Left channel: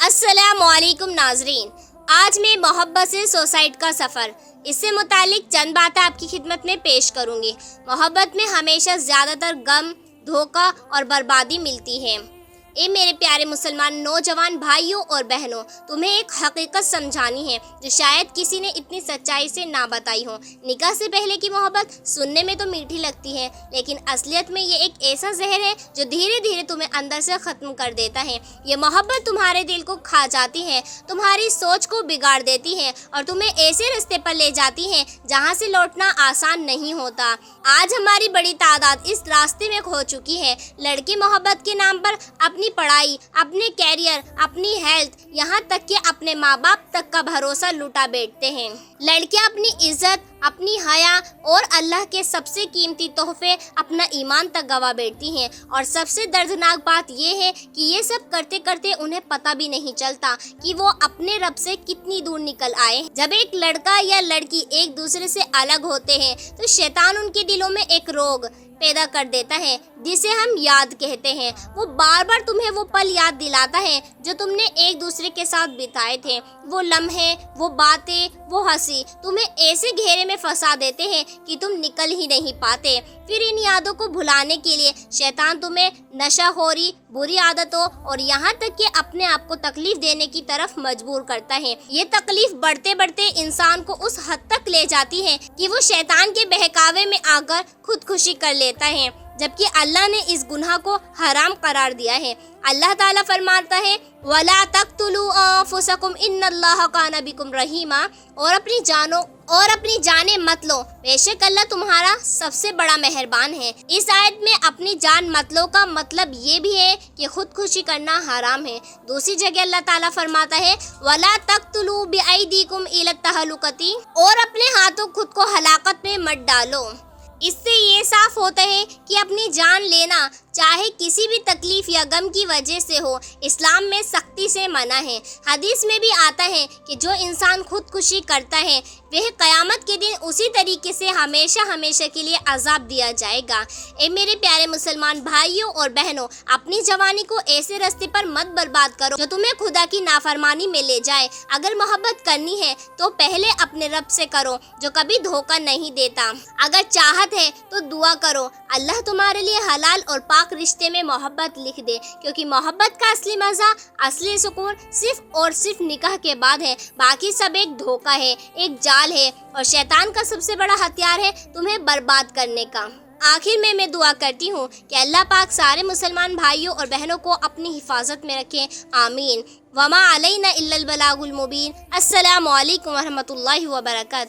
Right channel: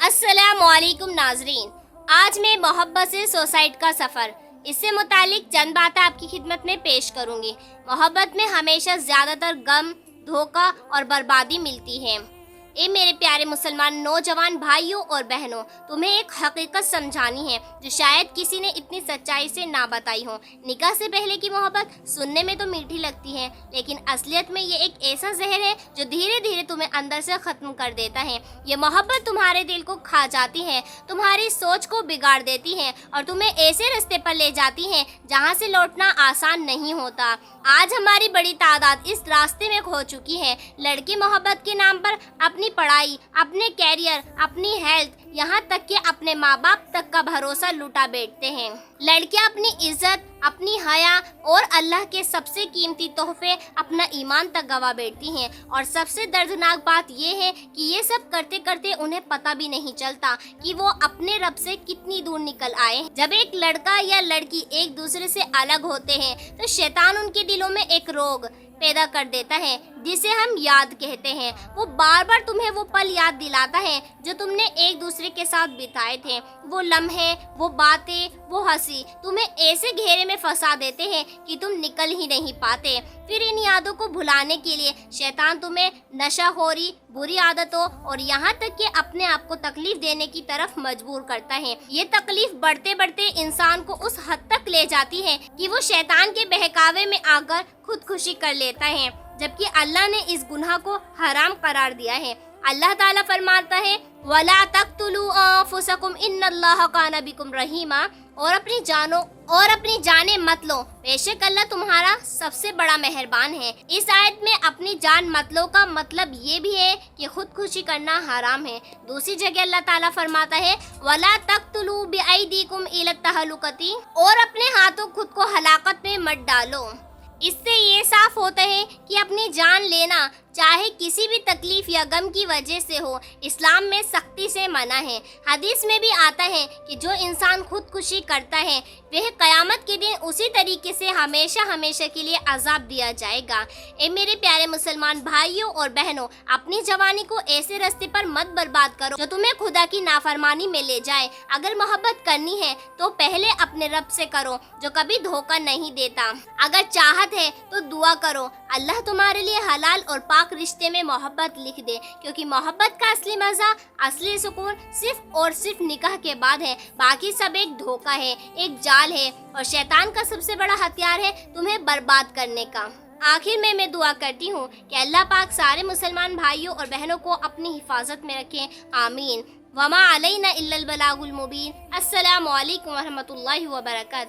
अस्सलामुअलैकुम नाजरीन, आज मैं मोहब्बत से सुसाइड का सफ़र इससे मुतालिक चंद बातें आपकी खिदमत में पेश करूंगी। मोहब्बत में हमेशा ज़्यादातर गम, धोखा और बर्बादी मिलती है। ए मेरे प्यारे मुसलमान नौजवान भाइयों और बहनों, तुम्हें एक हकीकत समझानी है जो शायद किसी ने इतनी सच्चाई से ना बताई हो। निकाह से पहले की मोहब्बत सुनने में तो मीठी लगती है, लेकिन असलियत में ये एक ऐसा जहर है जो धीरे धीरे तुम्हें अंदर से ख़त्म कर देता है। ये मोहब्बत तुम्हारे दिल को खा जाती है, तुम्हारी सोच को बिगाड़ देती है और तुम्हें ऐसे रास्ते पर ले जाती है जहाँ से लौटना आसान नहीं होता। आज हमारी बड़ी तादाद इस रास्ते में खो चुकी है। लड़के मोहब्बत के नाम पर अपनी पढ़ाई, अपने कैरियर, अपनी हेल्थ, यहाँ तक कि अपने माँ बाप तक का भरोसा लुटा बैठते हैं। लड़कियाँ अपनी इज्जत, अपनी हया और अल्लाह के सबसे कीमती तोहफे अपना ईमान तक गवा बैठती हैं। और सबसे दर्दनाक बात यह है कि ये सब करते करते उन्हें पता भी नहीं चलता कि वो अपने रब से कितनी दूर निकल आए। जब एक लड़का या लड़की एक दूसरे से अलग होते हैं तो शैतान उनके दिलों में एक रोग पैदा कर देता है जिसे हम याद कहते हैं। वो बार बार तुम्हें वो पल याद दिलाता है जो तुमने एक दूसरे के साथ बिताए थे। वो लम्हे, वो बातें, वो हंसी तुम्हें ऐसे घेरे में फंसा देते हैं कि तुम निकल ही नहीं पाते। फिर इन यादों को भुलाने के लिए शैतान तुम्हें नशाखोरी, बुरी आदतों और यहाँ तक कि अपने आप को तकलीफ देने की तरफ मजबूर करता है। ये तकलीफ बढ़ते बढ़ते इंसान को उस हद तक ले जाती है कि वो शैतान के बहकावे में आकर खुदकुशी कर लेता है, जबकि अल्लाह ने इस गुनाह को हराम करार दिया है। अल्लाह ताला फरमाता है, वला तक़्तुलू अनफुसकुम इन्नल्लाह काना बिकुम रहीमा, और अपनी जानें मत लो, बेशक अल्लाह तुम्हारा सबसे बड़ा मेहरबान है। इस आयत में अपनी जान मत लो का मतलब ये भी है कि खुदकुशी करना हराम है। दूसरी जगह अल्लाह ताला फरमाता है, वला तक़्तुलू बिअयदीकुम इला तहलुकती, और अपने हाथों खुद को हलाकत में मत डालो। इससे ये साफ होता है कि अपनी जान लेना चाहे किसी भी तकलीफ या गम की वजह से हो, इस्लाम में सख्ती से मना है। हदीस में भी आता है कि जो इंसान खुदकुशी करता है वह क़यामत के दिन उसी तरीके से हमेशा हमेशा के लिए अजाब दिया जाएगा। ए मेरे प्यारे मुसलमान भाइयों और बहनों, अपनी जवानी को ऐसे रास्ते पर मत बर्बाद करो जो तुम्हें खुदा की नाफरमानी में ले जाए। अगर मोहब्बत करनी है तो पहले अपने रब से करो जो कभी धोखा नहीं देता। अगर चाहत है तो दुआ करो अल्लाह तुम्हारे लिए हलाल और पाक रिश्ते में मोहब्बत लिख दे, क्योंकि मोहब्बत का असली मज़ा, असली सुकून सिर्फ और सिर्फ निकाह के बाद है। बाकी सब एक धोखा है, एक जाल है और शैतान का सबसे बड़ा हथियार है तुम्हें बर्बाद करने का। आखिर में मैं दुआ करती हूँ कि अल्लाह पाक सारे मुसलमान भाइयों और बहनों को अपनी हिफाजत में रखें। आमीन। वमा अलैना इल्लल बलागुल मुबीन। अस्सलामु अलैकुम व रहमतुल्लाहि व बरकातहू।